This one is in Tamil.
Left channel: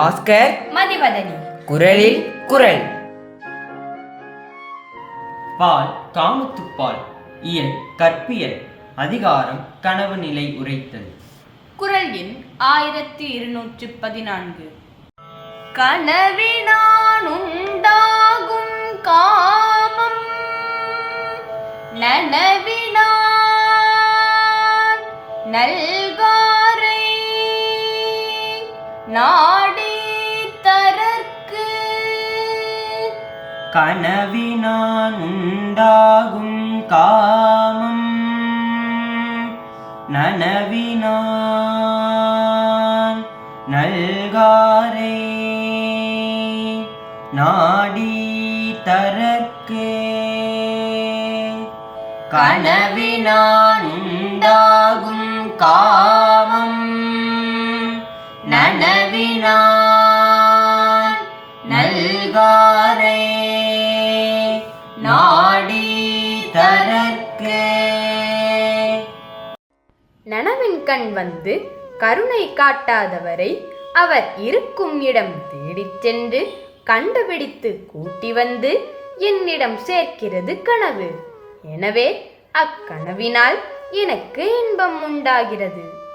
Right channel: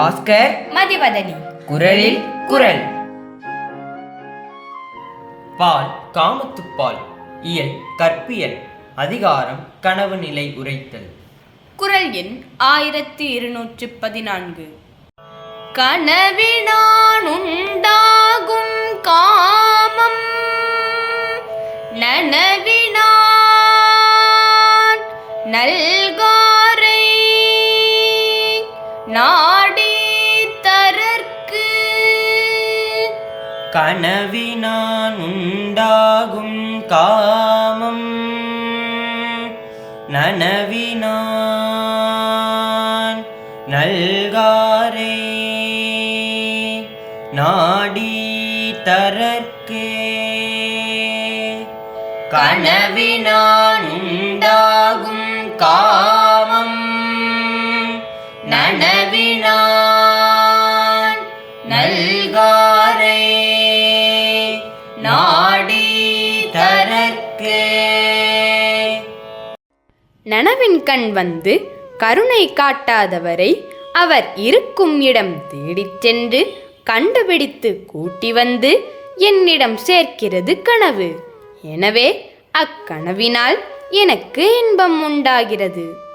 பாஸ்கர் மதிவதனி. குரலில் குரல். பால் காமத்துப்பால். இயல் கற்பியல். அதிகாரம் கனவு நிலை உரைத்தல். குரல் எண் 1214. கனவினான் உண்டாகும் காமம் நனவினான் நல்காரை நாடி தரற்கு. கனவினான் உண்டாகும் காமம் நனவினான் நல்காரே நாடி தரற்கே. கனவினான் உண்டாகும் காமம் நனவினான் நல்காரே நாடி தரற்கே. நனவின் கண் வந்து கருணை காட்டாதவரை அவர் இருக்கும் இடம் தேடிச் சென்று கண்டுபிடித்து கூட்டி வந்து என்னிடம் சேர்க்கிறது கனவு. எனவே அக்கனவினால் எனக்கு இன்பம் உண்டாகிறது.